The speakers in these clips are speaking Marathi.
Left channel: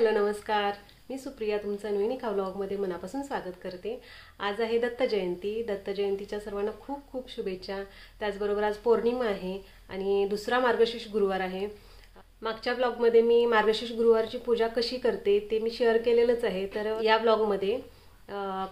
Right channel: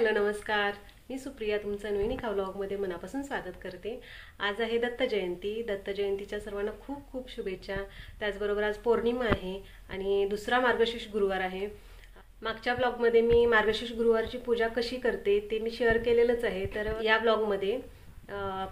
हॅलो नमस्कार, मी सुप्रिया तुमचं नवीन एका व्लॉगमध्ये मनापासून स्वागत करते। आज आहे दत्त जयंती। दत्त जयंतीच्या सर्वांना खूप खूप शुभेच्छा। त्याचबरोबर आज पौर्णिमा आहे आणि दुसरा मार्गशीर्ष गुरुवार आहे। मागच्या ब्लॉगमध्ये मी मार्गशीर्ष गुरुवारची पूजा कशी करते ते मी शेअर केलेलंच आहे। तर या ब्लॉगमध्ये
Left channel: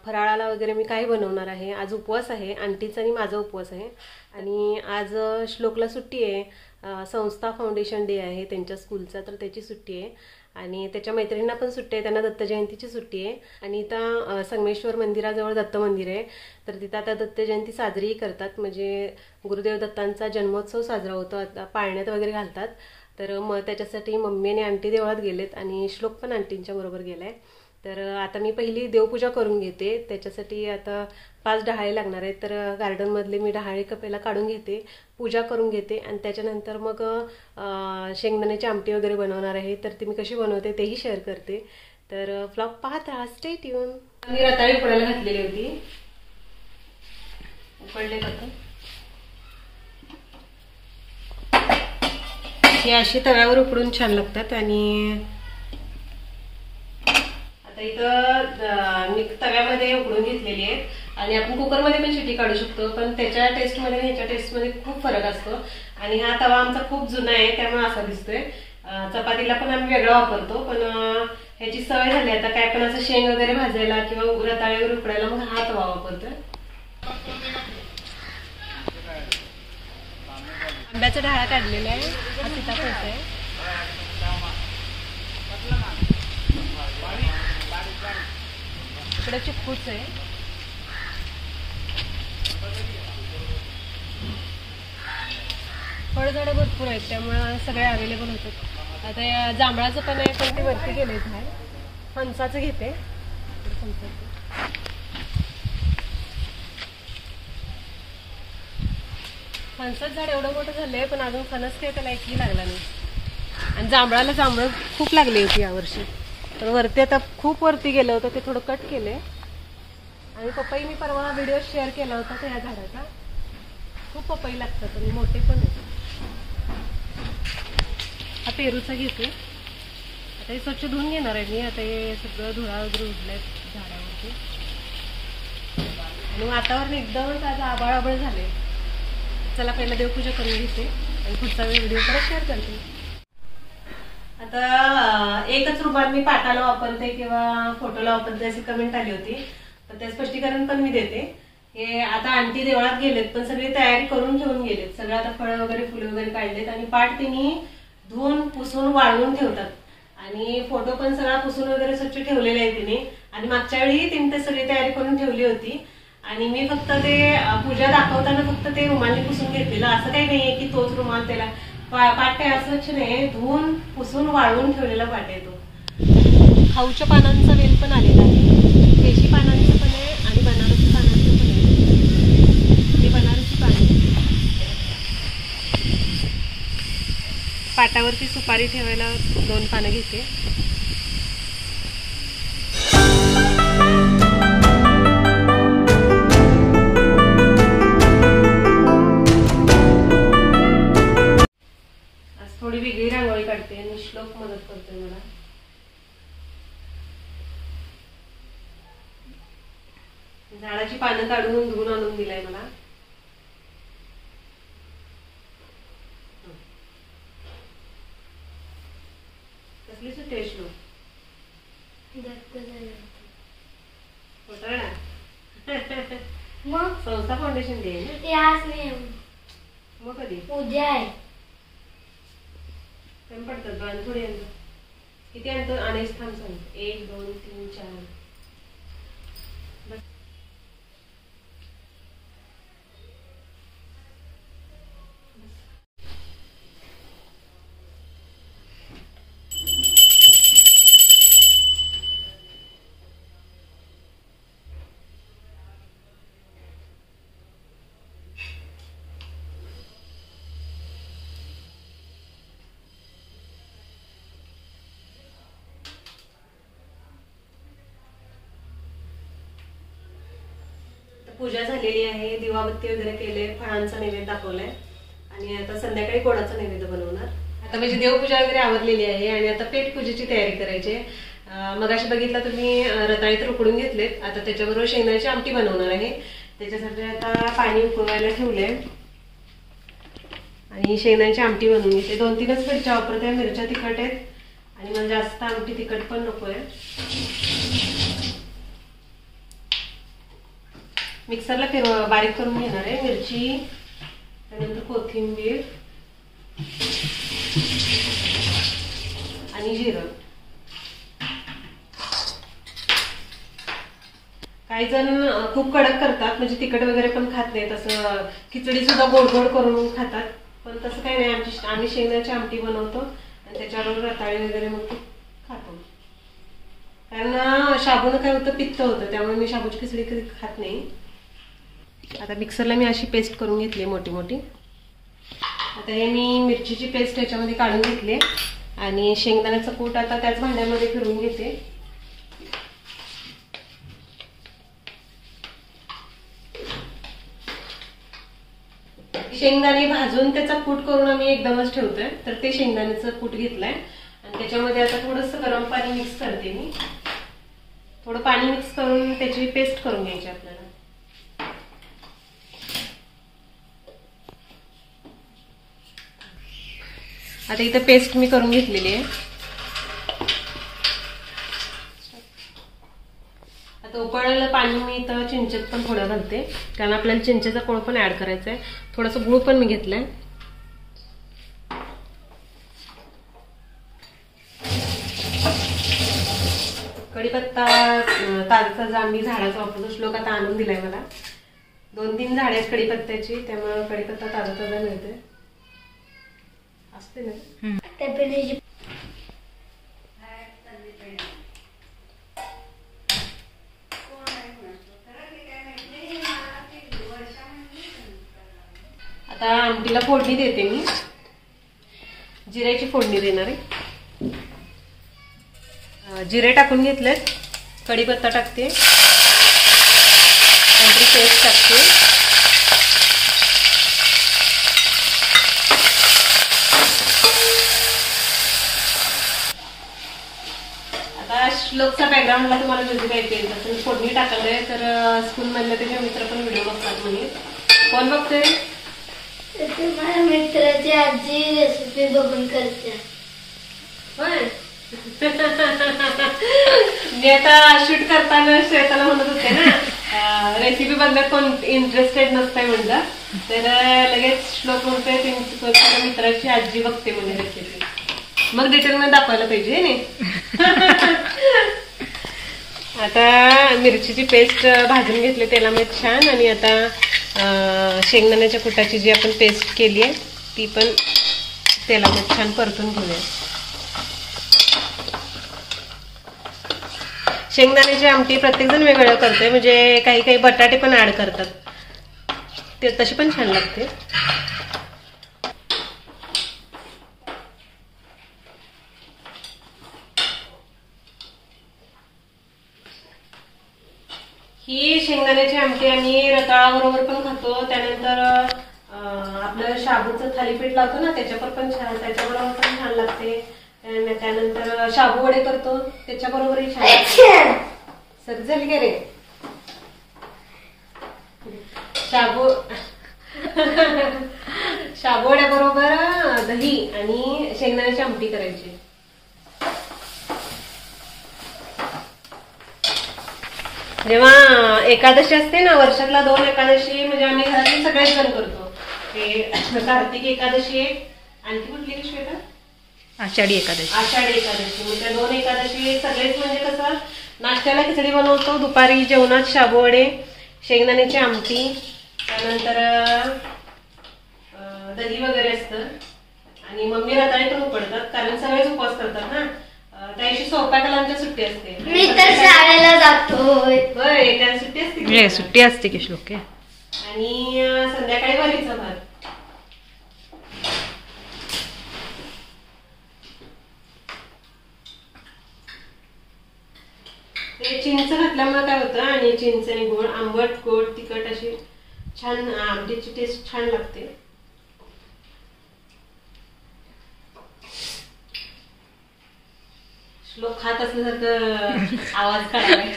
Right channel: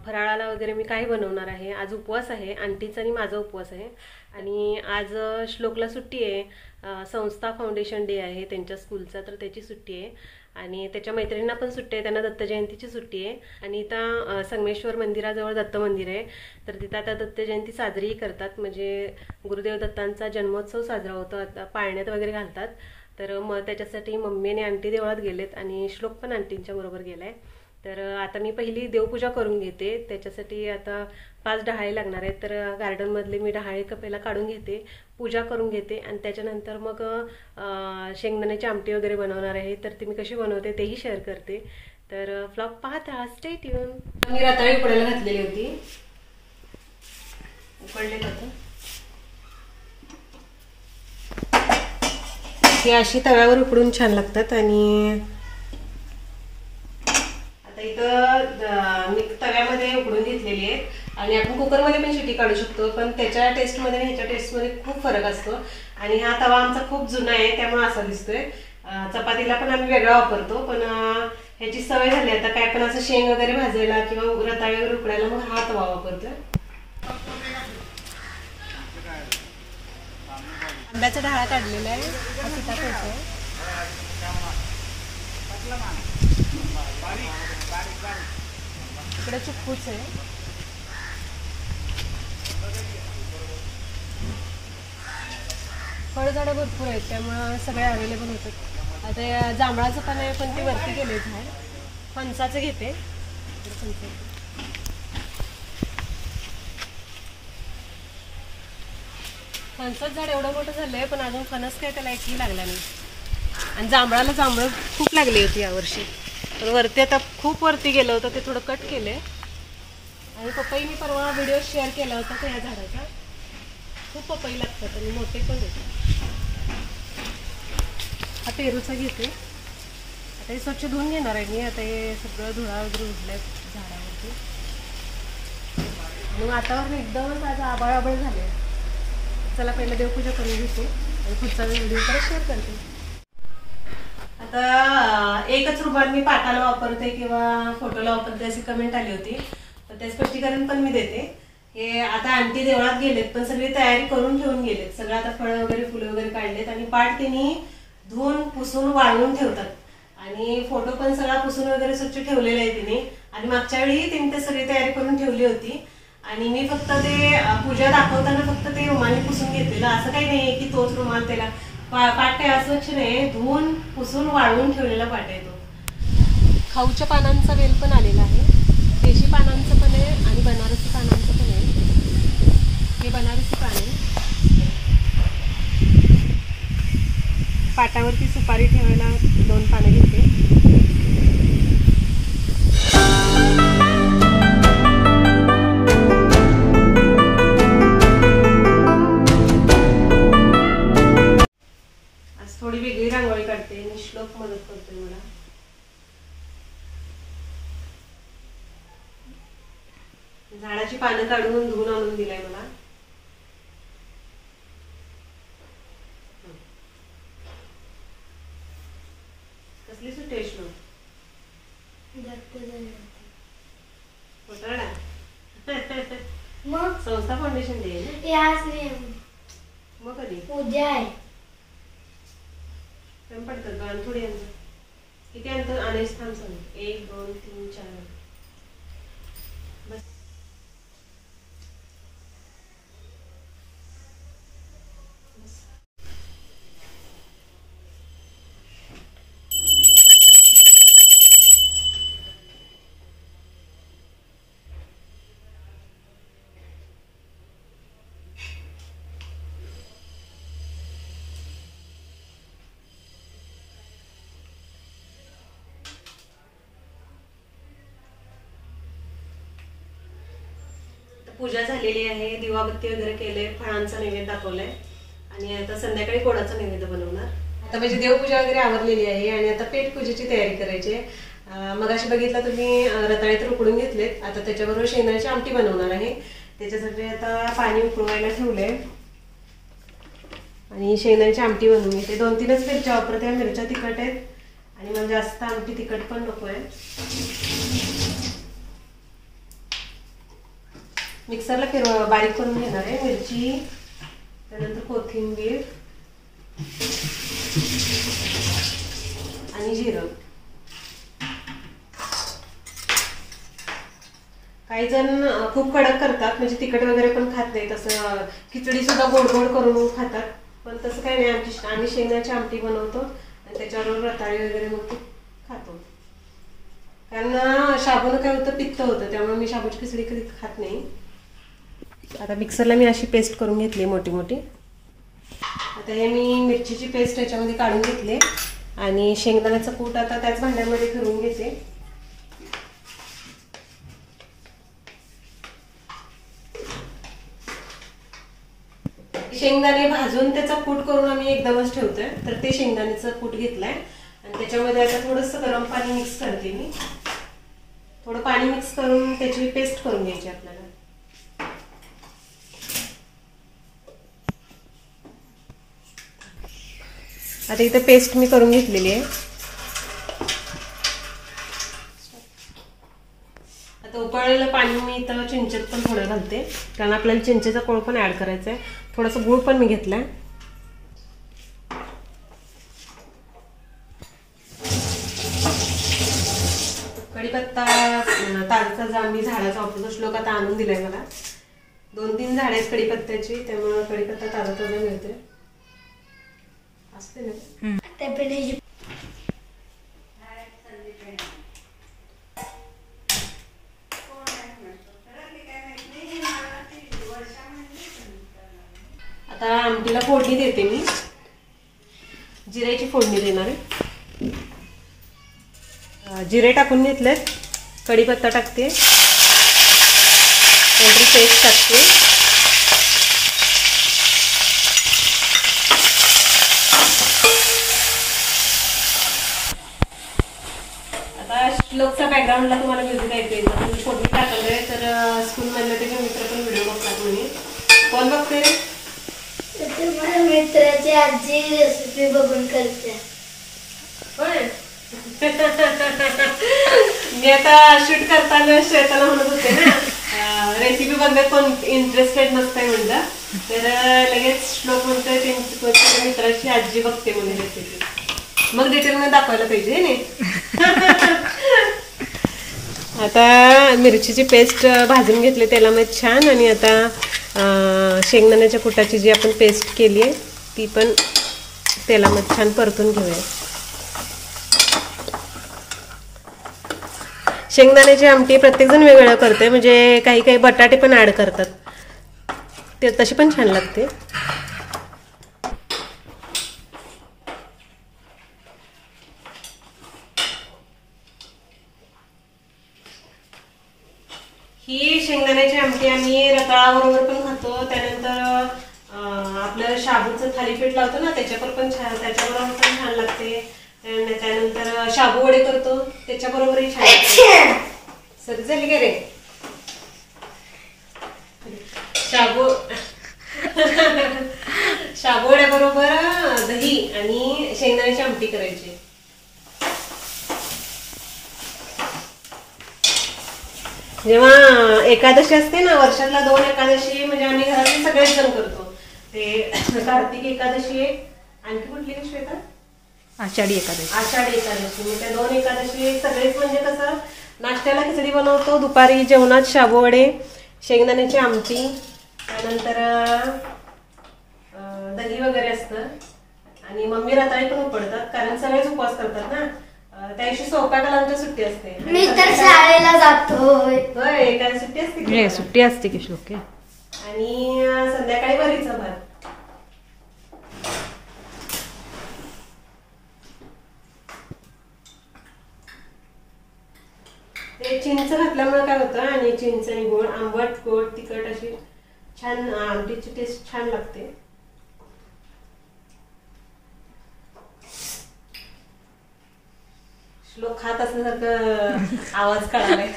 फराळाला वगैरे मी काय बनवणार आहे। आज उपवास आहे, आंटीचा आणि माझा उपवास आहे आणि आज श्लोकला सुट्टी आहे। संस्था फाउंडेशन डे आहे त्यांच्या स्कूलचा, तर त्याची सुट्टी आहे आणि त्याच्या मैत्रिणींना पण सुट्टी आहे, त्यांना दत्त जयंतीची सुट्टी आहे। आणि इथं संगमेश्वर मंदिराजवळ दत्त मंदिर आहे, तर तिथं आता दत्त जयंती साजरी करतात। म्हणजे गुरुदेव दत्तांचा जन्मोत्सव साजरा होतो, आता पाळण्यात वगैरे घालतात। तर मग त्याच्यासाठी मम्मी आणि आंटी देवळात गेलेत आणि श्लोक पण आंटींच्या बरोबर गेलाय। तर आता मी पहिली देवपूजा करून घेते, त्याच्यासाठी आता 5 डहाळे लागणार आहेत। तर गार्डन मधले मी डहाळे पहिला काढून घेते, पूजा करून घेते आणि त्याच्यानंतर मग शेंगदाण्याची आमटी वगैरे बनवणार आहे। तर ती मी कशी बनवते तेही शेअर करते, तर व्लॉग पाहता, स्टे ट्यून। मी रताळी उकडायला घातलेली होती, उकडले आता हे अशी तव्यावर उकडून छान लागतात। आणि आता इथं मी तव्यामध्ये उकडून घेतलेली आहे आणि आपण कुकरमध्ये पण शिटी काढू शकतो, पण त्याच्या टेस्टमध्ये आणि ह्याच्या टेस्टमध्ये खूप फरक असतो। आणि हा तवा आमचा खूप जुना आहे त्यामुळे असा दिसतोय। चपातीला पण आम्ही वेगळा वापरतो, पण ह्याची सवय झाली आता काय पण असं शेंग वगैरे भाजायला किंवा रताळे वगैरे उकडायला मग हा तवा वापरतोय। आंब्याचा ढाळा काढलेला आहे, हा सीताफळाचा आहे। इकडे चिक्कूच आहे, फळझाडं भरपूर आहेत त्यामुळे सगळे अवेलेबल होतात। आता या जांभळाचं पण आहे, पण ते वरती गेलेच आहे। फणसाचं घेते, फणसाचं झाड एवढं मोठं झालंय पण अजून फणस काय त्याला एकही लागला नाही। आणि जांभळाला जांभळं खूप लागली होती यावर्षी, तर वरती आता खूप वरती गेलं होतं, ते थोडं कट केले। आणि पपई मी परवा व्हिडिओ शेअर केला होता त्या या झाडाचा, खूप पपई लागतात आणि मोठे पण होते। हा पेरूचा घेते, आता हे स्वच्छ धुवून घेणार आहे मी। आता हे सगळं धुळा वगैरे उडलंय झाडावरती आणि वातावरण एकदमच आज आबाळ आबाळ झाले। चला पहिला देवपूजा करून घेते आणि पुढचा व्हिडिओ परत शेअर करते। आता एकच रुमाल मी पाटाला वापरते किंवा फोटोला वापरते अशी कमेंट आली होती, तर ते स्पष्टीकरण पण मी देते। हे आता आंटी देवळात गेलेत पण सगळी तयारी करून ठेवून गेलेत, सगळं आता फळं वगैरे फुलं वगैरे काढलेत आणि पाट तिने धुवून पुसून वाळवून ठेवतात आणि फोटो पण सगळा पुसून वगैरे स्वच्छ ठेवलेला आहे तिने। आणि मागच्या वेळी तिने ते सगळी तयारी करून ठेवली होती आणि मी फक्त ते पूजा दाखवताना फक्त ते रुमाली पुसून घेतलेलं। असं काही नाहीये की तोच रुमाल त्याला पाट काय अस्वच्छ नाही, धुवून पुसून वाळवून ठेवलेला पाट आहे तो। खाऊच्या पानांचा वेल पण आलेला आहे, देशी पानांचं पण आहे आणि बनारसी पानांचं पण आहे। हे बनारसी पान आहे। पाटावरती सुपारी ठेवायला 2 पानं घेते। आज थोडी वेगळी रांगोळी काढते आणि श्लोक मदत करतोय मला। झाडाची पानं काढून धुवून आणून दिलाय मला। कसली सुट्टी आहे श्लोक? मग संस्था फाउंडेशन डे आहे ना? मग कधी उद्या आहे? कमी पडतात बाण थोडी आणतो। किती आणतो आणायचं थांब सांग, 1 2 3 4 बस। पूजा झालेली आहे, दिवाबत्ती वगैरे केले, फळांचा नैवेद्य दाखवलाय आणि आता संध्याकाळी गोडाचा नैवेद्य बनवणार। आता माझी देवपूजा वगैरे आवरलेली आहे आणि आता पेट पूजेची तयारी करायची आहे। मगाशी बघितला तुम्ही रताळे तर उकडून घेतलेत, आता त्याच्याबरोबर शेंगदाण्याची आमटी बनवणार आहे। त्याच्यासाठी आता पाणी उकळवायला ठेवले आणि शेंगदाण्याची आमटी बनवून घेते। 2-3च मिरच्या वापरते, मिरच्या तिखट आहेत आणि मला जास्त आमटी तिखट पण नको आहे। मिक्सरला बारीक करून घेणार आहे मिरची, त्यानंतर कोथिंबीर आणि जिरं। काही जण खूप कडक करतात, म्हणजे तिखट वगैरे पण खात नाहीत, असं खिचडी सुद्धा गोड गोड करून खातात, पण तसं काही नाही। आम्ही शेंगदाण्याची आमटी बनवतो आणि त्याच्याबरोबर रताळी वगैरे मग खातो, कारण शाबूनं काय होतं, पित्त होतं, त्यामुळे मी शाबूची खिचडी कधी खात नाही। आता मिक्सरला मी अशी पेस्ट करून घेतली मोठी मोठी। आता हे मी मिरचीची पेस्ट याच्यामध्ये काढून घेतली आणि शेंगदाण्याचं कूट आता त्याच भांड्यामध्ये फिरवून घेते। शेंगदाणे भाजून त्याचा कूट करून आम्ही एकदमच ठेवतोय, तर ते शेंगदाण्याचं कूट घेतलंय आणि त्याच्यामध्ये आता थोडंसं गरम पाणी मिक्स करते मी। थोडं पाणी मिक्स करून त्याची पेस्ट करून घ्यायची आपल्याला। आता इथे पेस्ट मी करून घेतलेली आहे। आता उकळलेलं पाणी मी इथं चिंचेत पण थोडं घालते, कारण आपल्याला चिंचेचा कोळ पण ऍड करायचा आहे। थोडंसं गूळ पण मी घेतलाय। कढीपत्ता ताजा आम्ही झाडाचा वापरतो, श्लोक आता आणून दिलाय मला। 2-3 झाडे आहेत कढीपत्त्याची, त्यामुळे कढीपत्ता ताजा मिळते असते ना। आता आमटीला फोडणी देते मी, जिऱ्याची फोडणी देणार आहे। जिरे टाकून घेतलेत, कढीपत्ता टाकते, कोथिंबीर पेस्ट टाकते, आता श्लोकचा बॅकग्राऊंडला तुम्हाला म्युझिक ऐकू येईल, तुम्ही फोडणी टाकलंय तर स्कूलमधले त्याचे मित्र पण व्हिडिओ बघतात म्हणे। कोण बघते? मित्राची आजी रेसिपी बघून करते। होय, मी आता शूट करताना श्वेताला म्हणत होते ना, रेसिपी बघण्यात कोण इंटरेस्टेड नसतंय म्हणलं, तर लगेच श्लोक म्हणतोय त्याच्या मित्राची आजी बघते म्हणून रेसिपी, मग डिटेलमध्ये दाखवायला पाहिजे नाही। आता मिरचीची पेस्ट भाजून घेतली तेलामध्ये छान, आणि आता शेंगदाण्याच्या कुटाची जी आपण पेस्ट केली आहे ती पण तेलामध्ये छान परतून घेऊया। शेंगदाण्याची आमटी प्रत्येकजण वेगवेगळं करते, म्हणजे काही काही बटाटे पण ऍड करतात, ते तशी पण छान लागते। ही शेंगदाण्याची आमटी आम्ही रताळाबरोबर पण खातो, त्यानंतर आपलं शाबूचं थालीपीठ लावतो ना त्याच्याबरोबर पण छान लागते, त्यानंतर शाबू वडे करतो त्याच्याबरोबरही छान लागते। सर झाली का रे शाबू वड्याबरोबर दही आणि शेंगदाण्याची आमटी करायची। जेव्हा एकादशी असते ना, वर्षातला 2 एकादशी म्हणजे आम्ही घरातले सगळेच जण करतो, ते कार्तिक एकादशी एक, आणखी कुठली श्वेता? आषाढी एकादशी। मग त्या 2 एकादशी सगळेच म्हणजे कसं, नाश्त्याला खिचडी बनवतो, दुपारी जेवणात शाबू वडे, शेंगदाण्याची आमटी, त्यानंतर दही वगैरे असतं, आणि मम्मी रताळे पण उपडतात, कारण सगळेच उपवास करतात ना, त्या दिवशी स्वयंपाकाला आमच्या सुट्टी असते। मी तर शाळेला जातोय। होय, त्या सुट्टी असते, सुट्टी असते की श्लोक, आणि संध्याकाळी वरीचा भात। ते चिंच घातल्यामुळे काय होतं, आणि चिंच आणि गोड, आंबट गोड तिखट अशी छान आमटीची टेस्ट छान लागते। श्लोक खात असल्यासारखं आवाज काढायलाय.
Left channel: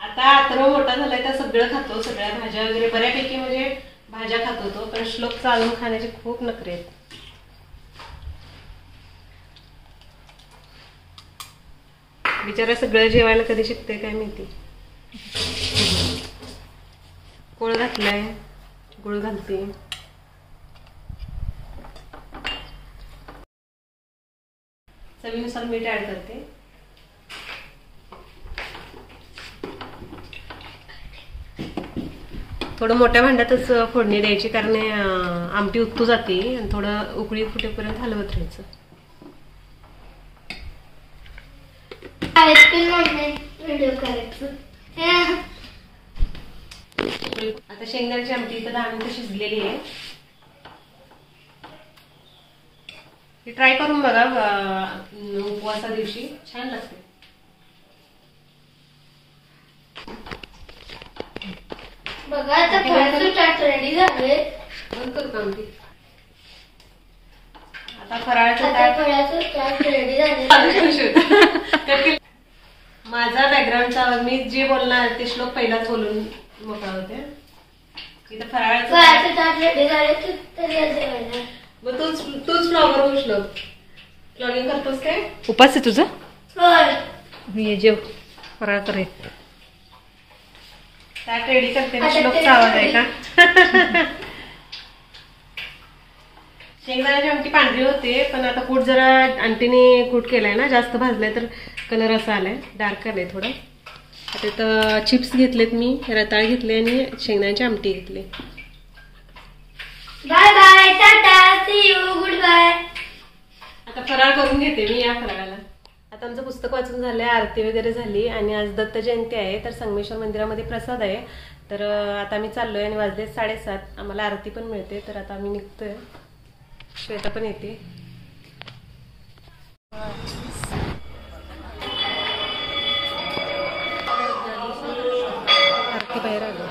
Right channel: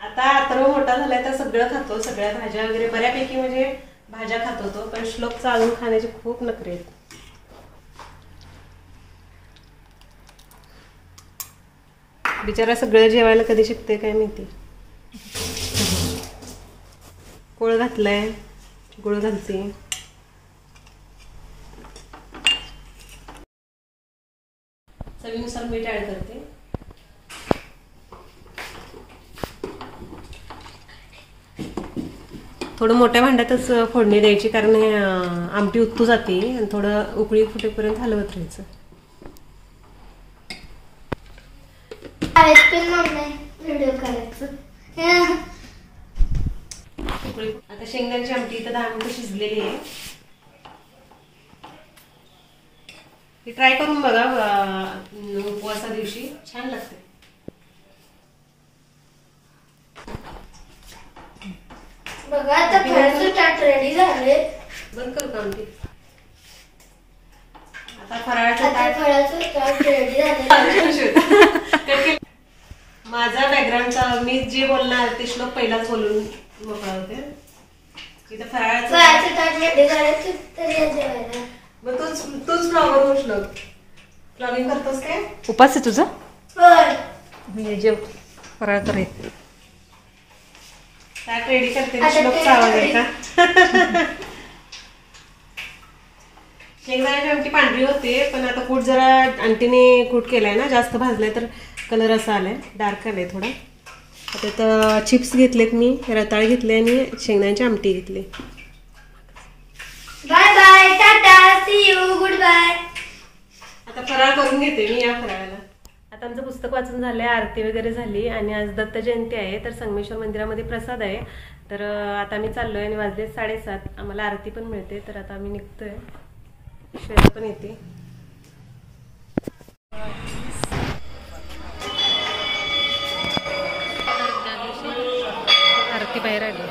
आता अथर्व मोठा झालाय तर सगळं खातो, सगळ्या भाज्या वगैरे बऱ्यापैकी म्हणजे भाज्या खातो तो, पण श्लोकचा अजून खाण्याचे खूप नखरे आहेत. बिचारा सगळं जेवायला कधी शिकते काय माहिती. कोळ घातलाय, गुळ घालते. चवीनुसार मीठ ऍड करते. थोडं मोठ्या भांड्यातच फोडणी द्यायची, कारण हे आमटी उत्तू जाते आणि थोडं उकळी फुटेपर्यंत हलवत राहायचं. व्हिडिओ करायचं. आता शेंगदाण्याची आमटी इथं 10 मिनिटं शिजलेली आहे. ही ट्राय करून बघा, उपवासा दिवशी छान लागते. बघा आता फळाचं चाट रेडी झाले. बंद करू का आमटी? आता फराळाचं आता ताट. फळाचं चाट रेडी झाले. माझा बॅकग्राऊंडचा मी जे बोलणार ते श्लोक पहिलाच बोलून मोकळा होते. इथं फराळाचं फळाचं चाट रेडी झाले तर या जेवायला. मग तूच फ्लॉवर हो श्लोक. फ्लॉगिंग करतोस काय? उपास आहे तुझा? होय. मी जेव फराळ करे. ताट रेडी करते. श्लोकचा आवाज आहे का? शेंगदाण्याची आमटी पांढरी होते, पण आता कूट जरा आंटीने कूट केलाय ना, जास्त भाजलाय तर कलर असा आलाय, डार्क आलाय थोडा. आता इथं चिप्स घेतलेत मी, रताळ घेतले आणि शेंगदाण्याची आमटी घेतली. Bye bye, tata, see you, goodbye. आता फराळ करून घेते मी या फराळाला. आता आमचं पुस्तक वाचून झालंय, आरती वगैरे झाली आणि आज दत्त जयंती आहे, तर संगमेश्वर मंदिरामध्ये प्रसाद आहे. तर आता आम्ही चाललोय आणि वाजले 7:30. आम्हाला आरती पण मिळते, तर आता आम्ही निघतोय. श्वेता पण येते. आरती बाहेर आली.